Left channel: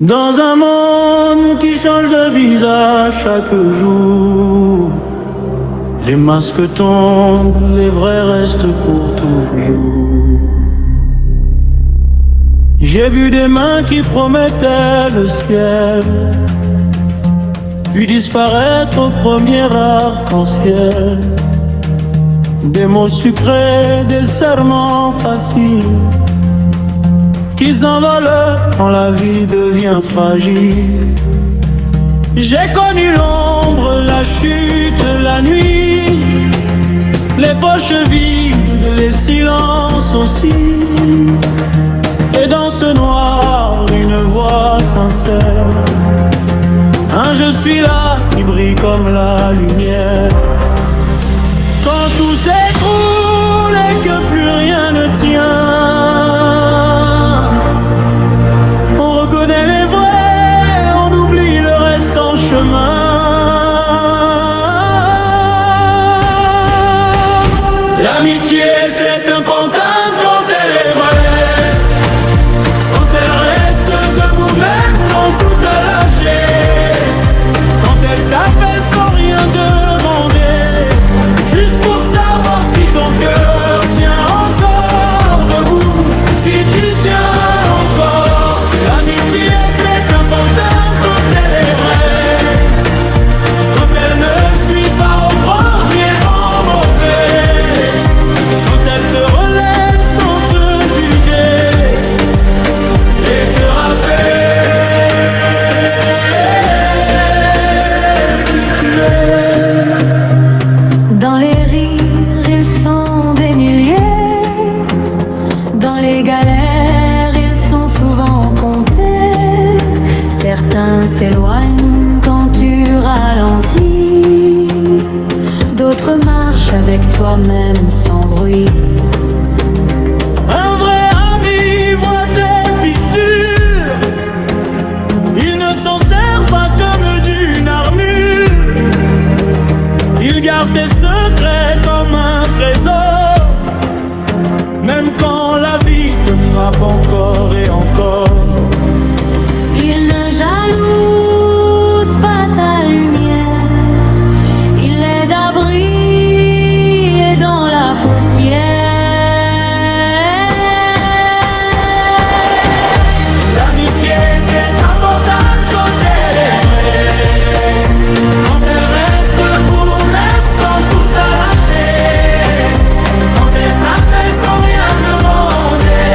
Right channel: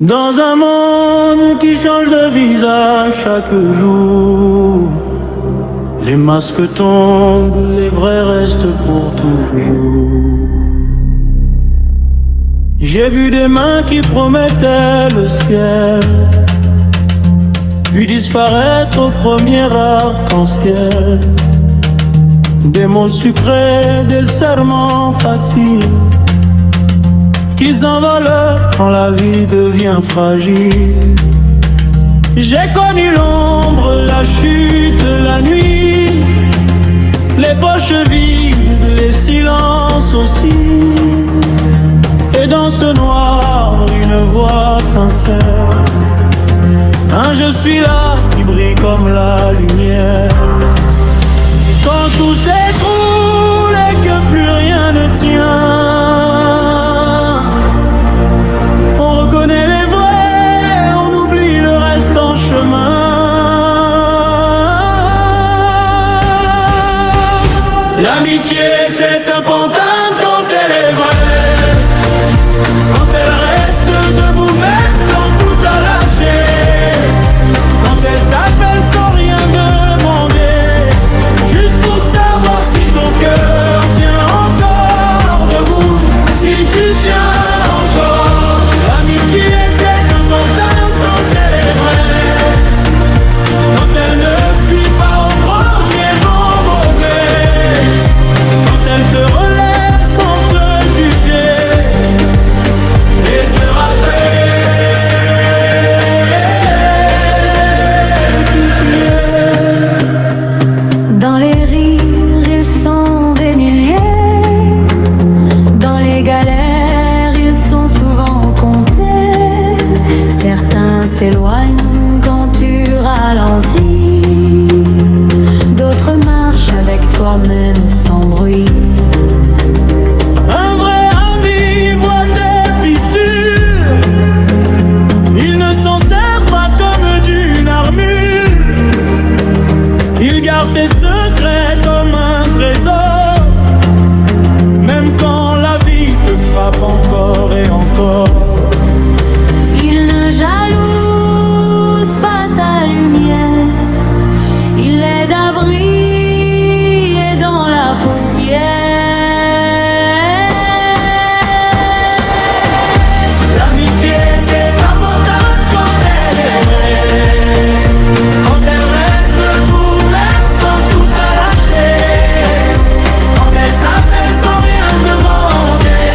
Dans un monde qui change de visage chaque jour, les masques tombent, les vrais restent pour toujours. J'ai vu des mains qui promettaient le ciel, puis disparaître au premier arc-en-ciel. Des mots sucrés, des serments faciles, qui s'envolent quand la vie devient fragile. J'ai connu l'ombre, la chute, la nuit, les poches vides, les silences aussi. Et dans ce noir, une voix sincère, un je suis là qui brille comme la lumière. Quand tout s'écroule et que plus rien ne tient, on reconnaît les vrais, on oublie le reste en chemin. L'amitié c'est important quand elle est vraie, quand elle reste debout même quand tout a lâché, quand elle t'appelle sans rien demander, juste pour savoir si ton cœur tient encore debout, si tu tiens encore. L'amitié c'est important quand elle est vraie, quand elle ne fuit pas au premier vent mauvais, quand elle te relève sans te juger et te rappelle qui tu es. Dans les rires, ils sont des milliers. Dans les galères, ils sont souvent comptés. Certains s'éloignent quand tu ralentis, d'autres marchent avec toi-même sans bruit. Un vrai ami voit tes fissures, il ne s'en sert pas comme d'une armure. Il garde tes secrets comme un trésor, même quand la vie te frappe encore et encore. Il ne jalouse pas ta lumière, il est d'abri et dans la poussière. L'amitié c'est important quand elle est vraie, quand elle reste debout même quand tout a lâché, quand elle t'appelle sans rien demander,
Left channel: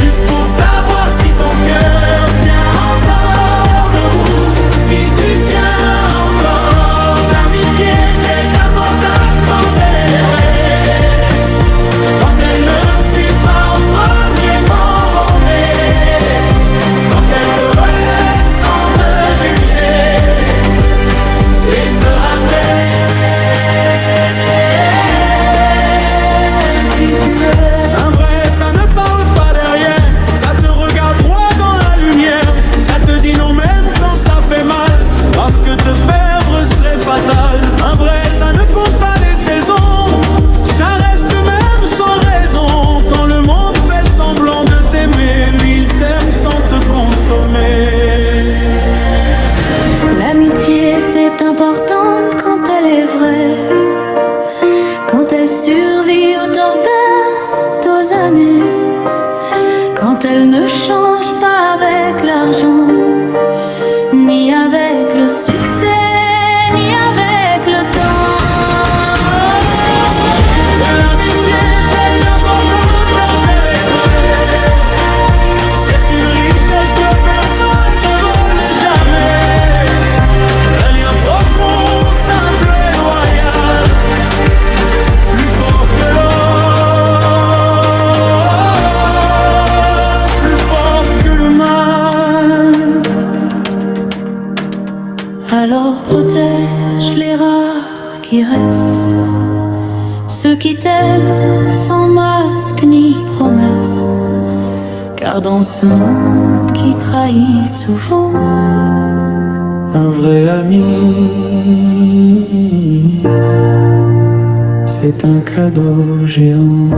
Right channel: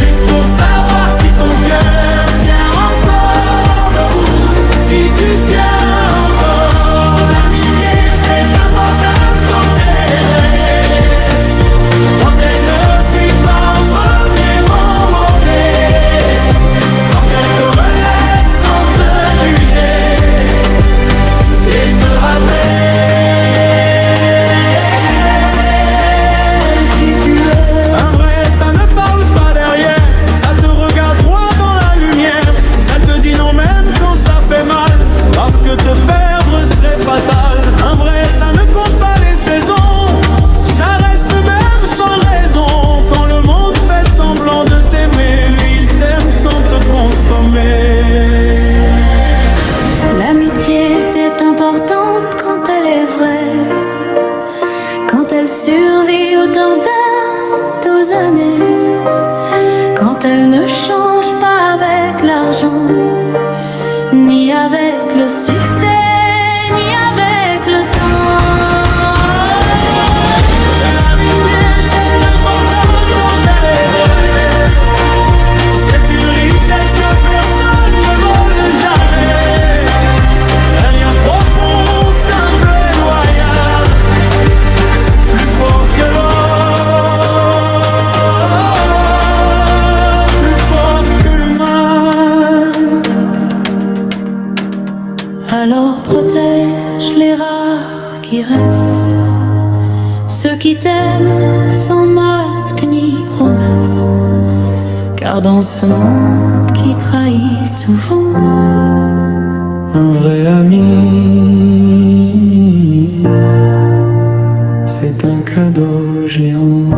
juste pour savoir si ton cœur tient encore debout, si tu tiens encore. L'amitié c'est important quand elle est vraie, quand elle ne fuit pas au premier vent mauvais, quand elle te relève sans te juger et te rappelle qui tu es. Un vrai ça ne parle pas derrière, ça te regarde droit dans la lumière, ça te dit non même quand ça fait mal, parce que te perdre serait fatal. Un vrai ça ne compte pas les saisons, ça reste même sans raison. Quand le monde fait semblant de t'aimer, lui il t'aime sans te consommer. L'amitié c'est important quand elle est vraie, quand elle survit aux tempêtes, aux années, quand elle ne change pas avec l'argent, ni avec le succès, ni avec le temps. L'amitié c'est important quand elle est vraie, c'est une richesse que personne ne vole jamais. Un lien profond, simple et loyal, plus fort que l'or, plus fort que le mal. Alors protège les rares qui restent, ceux qui t'aiment sans masque ni promesse, car dans ce monde qui trahit souvent, un vrai ami, c'est un cadeau géant.